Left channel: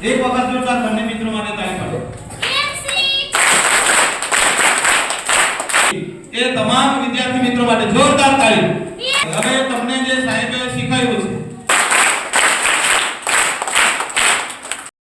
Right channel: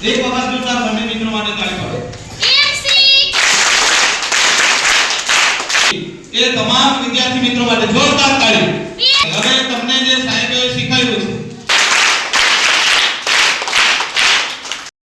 એક વખત જોરદાર બંને મિત્રો માટે તાળી પાડો. એ તમામ વિદ્યાર્થી મિત્રો માટે જોરદાર તાળી.